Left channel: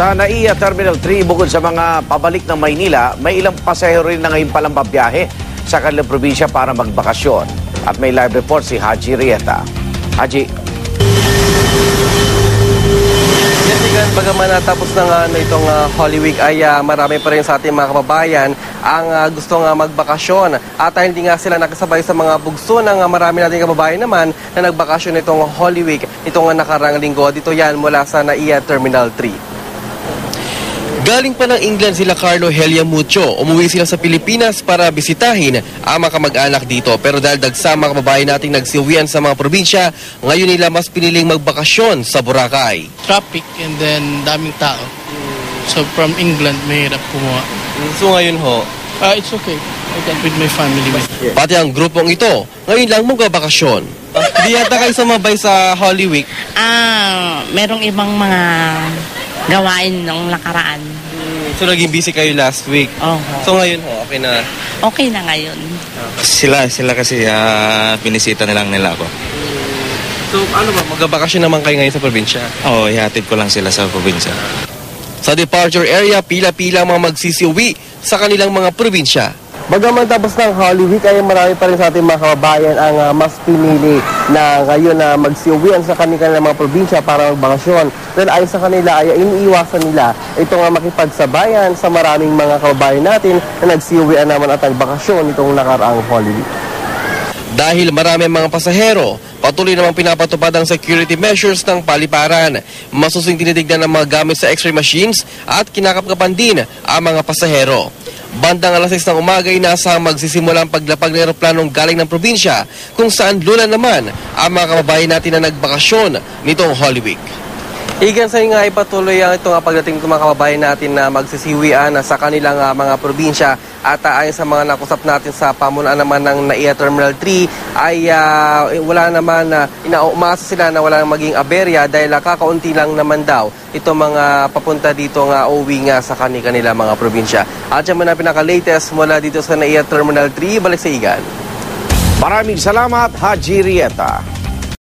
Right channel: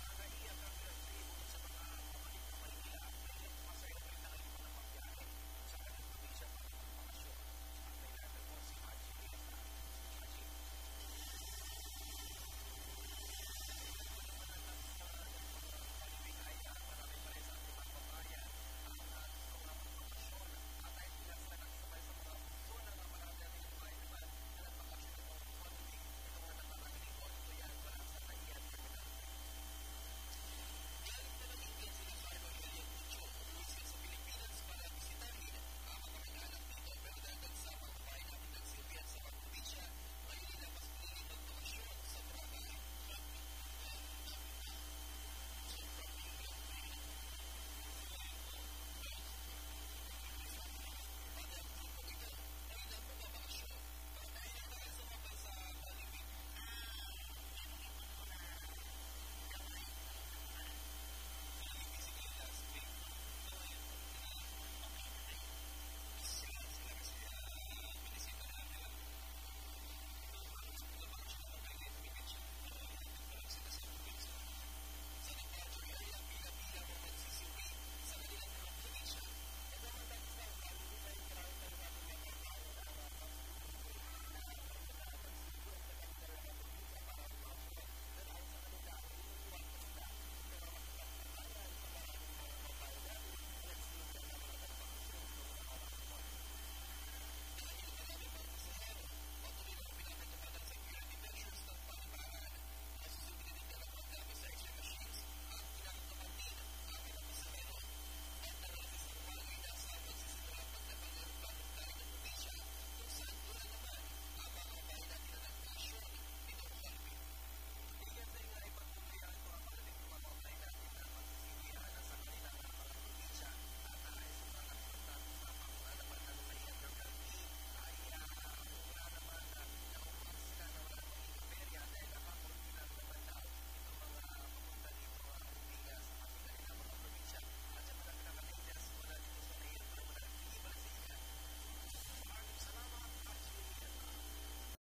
Sa NAIA Terminal 3, bukod sa mga pabalik ng Maynila, may ilang pasahero rin na ngayon palang babiyahe sa kanilang probinsya para magbakasyon. At may live report si Haji Rieta. Haji. Bagaman natapos na nga itong Holy Week ay marami pa rin sa ating mga kababayan ang gusto nga magbakasyon. At hindi nga sila nakasabay sa mga bugso ng marami nating kababayan naman na nagbakasyon itong Holy Week itong nakarang linggo. Dito yan mula sa NAIA Terminal 3. Galing pa ng England sila Carlo Helia Mucho. Umuwi sila sa Pilipinas para bisitahin ang mga kamag-anak dito. Pero dahil dagsama kababayan nating nagsiuwian sa mga probinsya, ngayon nila mas piniling magbakasyon sa Boracay. Traffic and then daming tao. So from England, mahirap kumuha. So ngayon ho? It's okay. I can with my family. Pati ang grupong ito, ngayon lang magbabakasyon. Di yata kayo sumabay sa Holy Week? Merong ibang mga gawain nung nakaraan. So naging busy kayo last week? So ngayon ho, okay na? Okay na ngayon. Sila kasi binisita na lang nila ako. So ano ba, magbabakasyon naman kayo ngayon sa probinsya? Oo, ihatid ko lang sila sa probinsya. Sa departure area, pila-pila ang mga magsisiuwi sa kanilang mga probinsya. Bagaman tapos ng Holy Week ay marami pa rin sa ating mga kababayan ang mas pinili na ngayon na magsiuwian sa kanilang mga probinsya para magbakasyon. Dahil ayon sa kanila ay iniiwasan nila itong makipagsabayan sa maraming mga kababayan natin na nagsiuwian naman at nagbakasyon itong nakaraang Holy Week. Dahil marami ang mga pasahero, patuloy namang pinapatupad ang security measures ng paliparan. Masusing tinitignan ang mga gamit sa x-ray machines at kinakapkapan din ang mga pasahero. Bandang alas 6 ng umaga ay nasa magsisimula ang paglapag ng eroplanong galing ng probinsya kung saan lula naman ang mga kababayan natin na nagbakasyon nitong Holy Week. Igan sa nga ipatuloy ang itong pagdating ng mga kababayan natin na magsisiwian sa kanilang mga probinsya at ayon sa mga nakusap natin sa pamunuan naman ng NAIA Terminal 3 ay wala naman umaasa sila na wala nang maging aberya dahil kakaunti lang naman daw itong mga papunta dito nga uwi nga sa kanila mga probinsya. At yan muna pinaka-latest mula dito sa NAIA Terminal 3, balik sa Igan. Maraming salamat, Haji Rieta.